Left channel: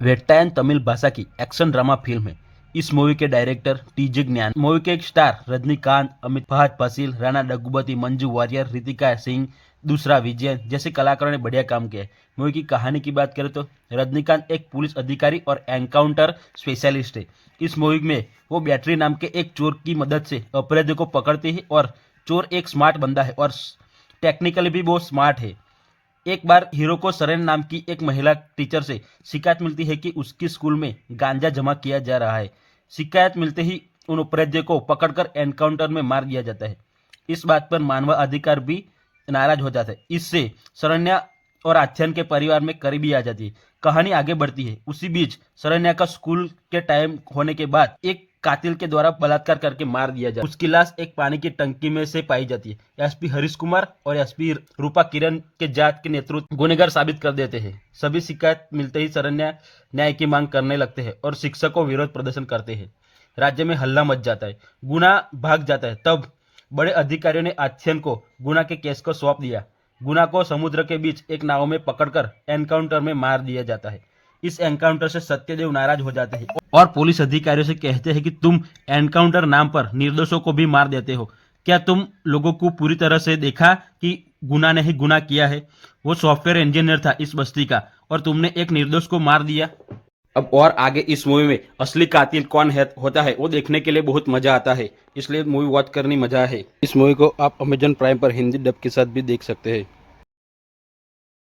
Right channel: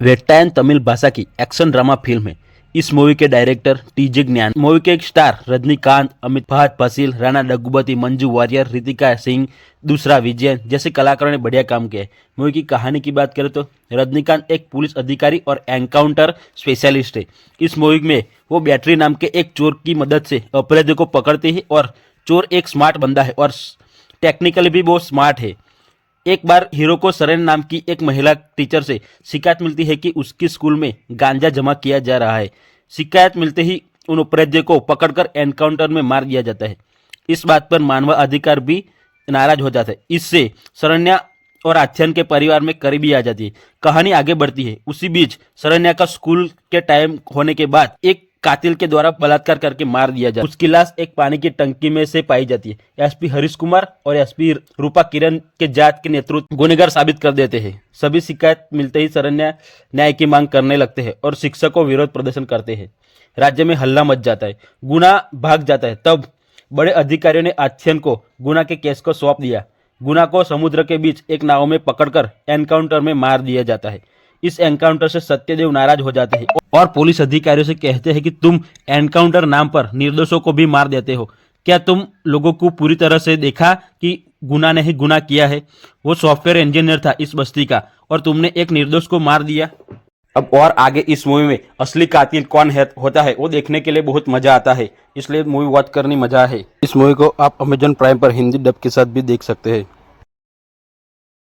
वेट्टायन तमिल भाषा की action drama film है। इस मूवी के डायरेक्टर टीजे ज्ञान, मूवी के एक स्टार रजनीकांत, अमित फहद फसील, राणा डग्गुबाती, मंजू वारियर, रितिका सिंह, दूसरा विजयन जैसे कलाकारों ने बढ़िया काम किया है। मूवी की कहानी की बात करें तो रजनीकांत एक पुलिस अधिकारी और एनकाउंटर स्पेशलिस्ट है। इस मूवी में वो बैटरी नाम के एक चोर की मदद से अपराधियों को पकड़ते हैं और चोर एक स्मार्ट बंदा है और टेक्निकली भी बहुत स्मार्ट है। एक बार हीरो को सरन नाम की एक महिला टीचर से शिकायत मिलती है कि उसकी स्कूल में गांजा जमा किया जा रहा है। शिकायत मिलते ही उन अपराधियों को पकड़कर एनकाउंटर में मार दिया जाता है। इस बात पर मानवाधिकार भी नाराज हो जाता है। इससे शरण्या और आख्यान के परिवार में करीबी आ जाती है। कहानी आगे बढ़ती है। उसी बीच शरण्या का स्कूल के टाइम होने के बाद एक कातिल के द्वारा बलात्कार करके मार दिया जाता है। उसकी लाश एक पानी की टंकी में से पाई जाती है। एसपी हरीश कुमार और एसपी रूपा किरण के जांच के नेतृत्व गुनहगार साबित कर देते हैं। सभी शिकायत मिलते ही शरण्या न्याय की मांग करने लगते हैं और शिक्षकों विरोध प्रदर्शन करते हैं। राज्य में हल्ला मच जाता है। गुना भाग जाता है। तब बड़े अधिकारियों ने आख्यान को गुना के केस को सौंप दिया। गुना को समुद्र के बीच एक नाव में पकड़कर एनकाउंटर में मार दिया जाता है। इस एनकाउंटर से सत्यदेव नाराज हो जाते हैं और पुलिस अधिकारियों से कहते हैं कि तुम एनकाउंटर नाम पर निर्दोषों को भी मार देते हो। क्या तुम लोगों को पूरी तरह से देखा कि गुना ने ही गुना किया है? वो सॉफ्टवेयर इंजीनियर था इस बस्ती का और तुमने एक निर्दोष को मार दिया। अब और आगे इस मूवी में असली कातिल कौन है होता है वो देखने के लिए बहुत मजा आता है, इसलिए मूवी वॉच करनी मजा है। इस मूवी को आप अमेजन प्राइम पर हिंदी डब के साथ भी देख सकते हैं।